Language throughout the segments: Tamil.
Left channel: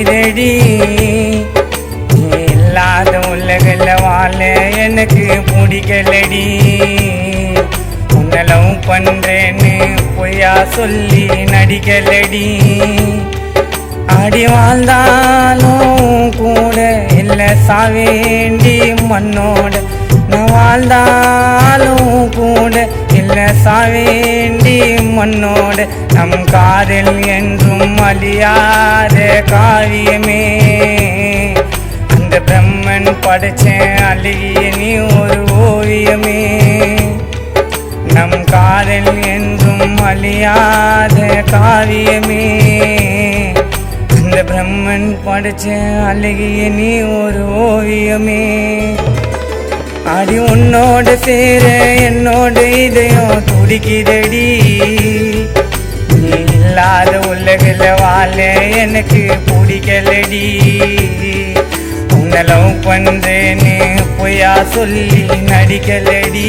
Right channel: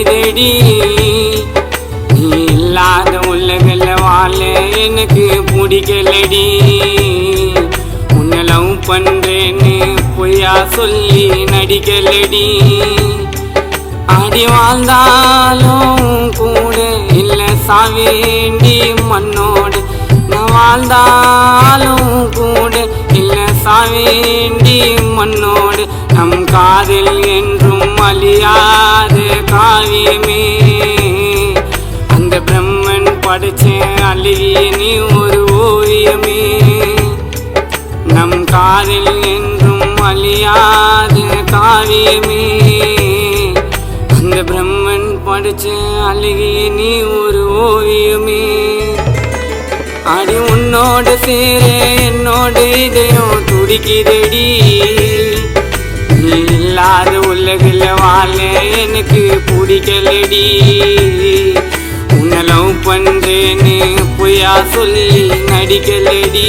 துடிக்குதடி. நீ இல்லாத உலகில் வாழ எனக்கு பிடிக்கலடி. உன்னை லவ் பண்றேன்னு பொய்யா சொல்லி நடிக்கலடி. அடி வாழ்ந்தாலும் கூட இல்ல சாவேண்டி மண்ணோட. நான் வாழ்ந்தாலும் கூட இல்ல சாவேண்டி மண்ணோட. நம் காதல் என்றும் அழியாத காவியமே. அந்த பிரம்மன் படைச்ச அழகிய நீ ஒரு ஓவியமே. நம் காதல் என்றும் அழியாத காவியமே. அந்த பிரம்மன் படைச்ச அழகிய நீ ஒரு ஓவியமே. அடி உன்னோட சேர என்னோட இதயம் துடிக்குதடி. நீ இல்லாத உலகில் வாழ எனக்கு பிடிக்கலடி. உன்னை லவ் பண்றேன்னு பொய்யா சொல்லி நடிக்கலடி.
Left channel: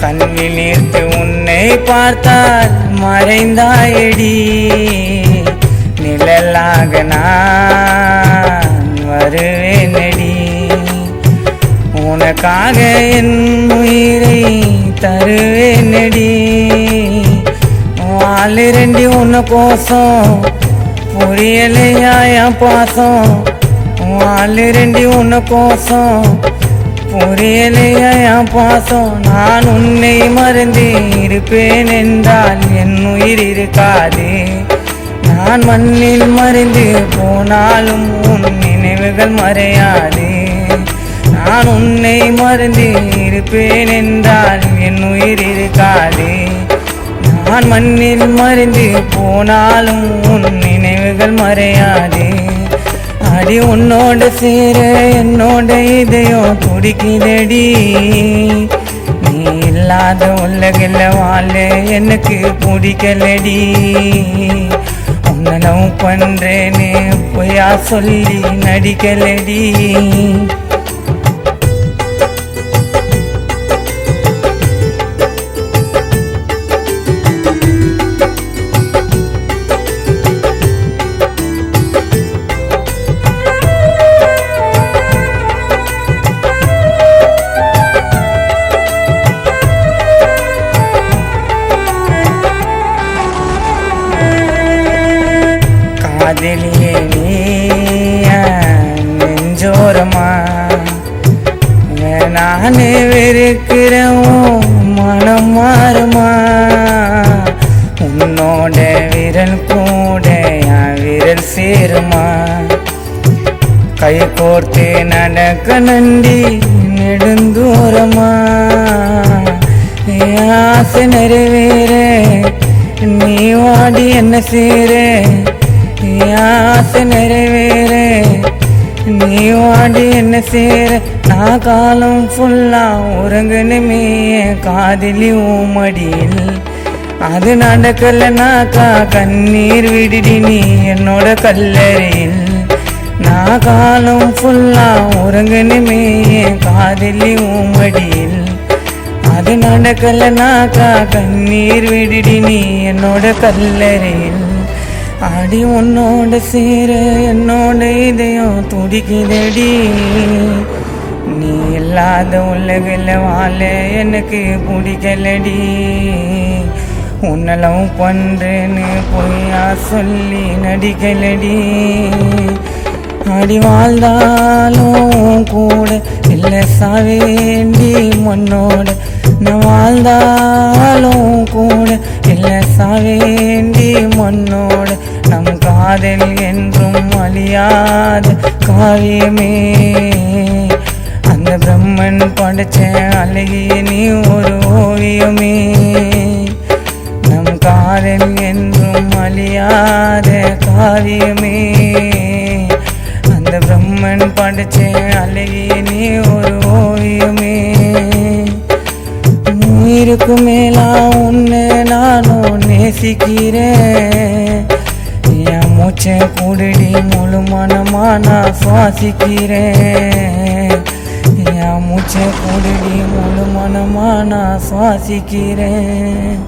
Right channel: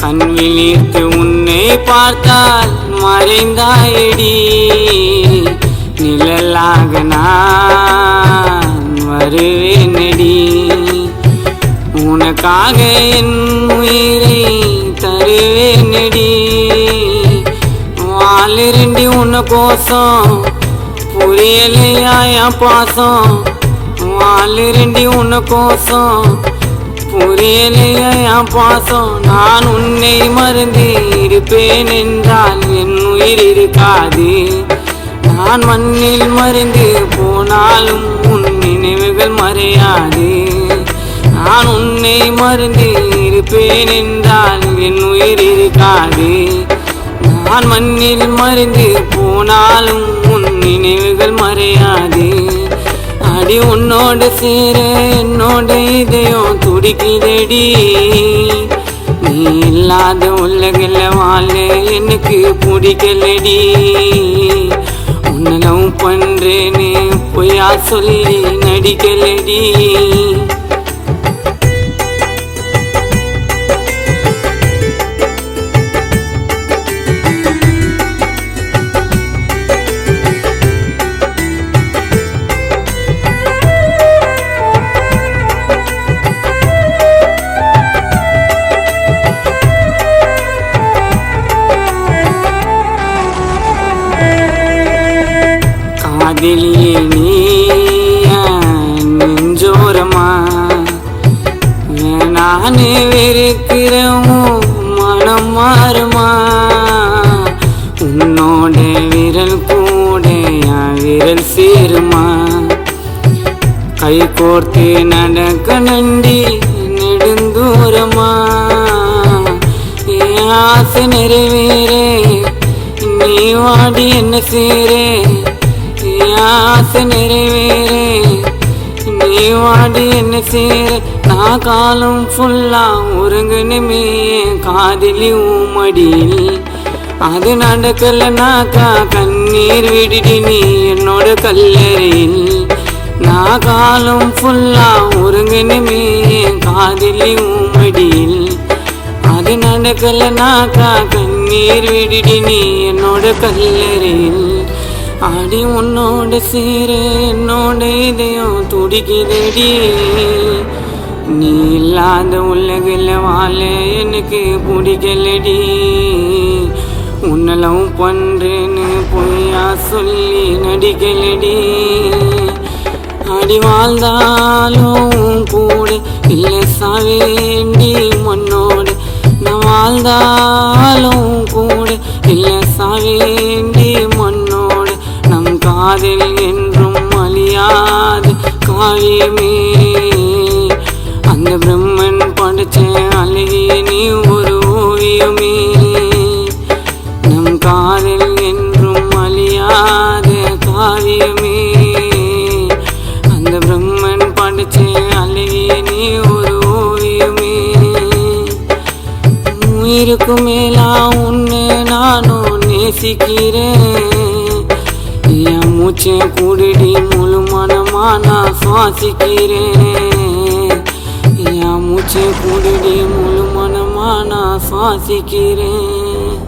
கண்விழித்து உன்னை பார்த்தால் மறைந்தாயடி. நிழலாக நான் வருவேனடி. உனக்காக என் உயிரை தருவேனடி. வாழிரண்டி உன்னை கோசம் புரியலையா என் பாசம். வாழிரண்டி உன்னை கோசம் புரியலையா என் பாசம். நான் உன்னை மறந்து இருப்பேன் என்றால் என் உயிர் இருக்காது. நான் மண்ணில் மறைந்து போனாலும் உன் நினைவுகள் மறையாது. நான் உன்னை மறந்து இருப்பேன் என்றால் என் உயிர் இருக்காது. நான் மண்ணில் மறைந்து போனாலும் உன் நினைவுகள் மறையாது. அடி உன்னோட சேர என்னோட இதயம் துடிக்குதடி. நீ இல்லாத உலகில் வாழ எனக்கு பிடிக்கலடி. உன்னை லவ் பண்றேன்னு பொய்யா சொல்லி நடிக்கலடி. காதலியே நீ நெஞ்சோரமா நானே வெறுக்கிறேன் மனம் மாறுமா. உன்னோட விரல் கூட என் விரல் சேருமா. கை கோர்த்து நடக்க நண்டி நெடுந்தூரமா. என் ஆசை நிறைவேற நீ வாடி என்ன சேர. ஆசை நிறைவேற நீ வாடி என்ன சேர. நான் காலம் ஃபுல்லா உறங்கணுமே காதலி ஊமடியில். அது நடக்கலனாக்கா கண்ணீர் விடுடி நீ என்னோட கல்லறையில். நான் காலம் ஃபுல்லா உறங்கணுமே காதலி ஊமடியில். அது நடக்கலனாக்கா கண்ணீர் விடுடி நீ என்னோட கல்லறையில். அடி உன்னோட சேர என்னோட இதயம் துடிக்குதடி. நீ இல்லாத உலகில் வாழ எனக்கு பிடிக்கலடி. உன்னை லவ் பண்றேன்னு பொய்யா சொல்லி நடிக்கலடி. அடி வாழ்ந்தாலும் கூட இல்ல சாவேண்டி மண்ணோட. நான் வாழ்ந்தாலும் கூட இல்ல சாவேண்டி மண்ணோட. நம் காதல் என்றும் அழியாத காவியமே. அந்த பிரம்மன் படைச்ச அழகிய நீ ஒரு ஓவியமே. நம் காதல் என்றும் அழியாத காவியமே. அந்த பிரம்மன் படைச்ச அழகிய நீ ஒரு ஓவியமே. உயிருக்கு மேலா உன்னை நானும் நேசிக்கிறேன். என் மூச்சை குடிடி முழு மனமா நான் சுவாசிக்கிறேன். என் மூச்சை குடிடி முழு மனமா நான் சுவாசிக்கிறேன்.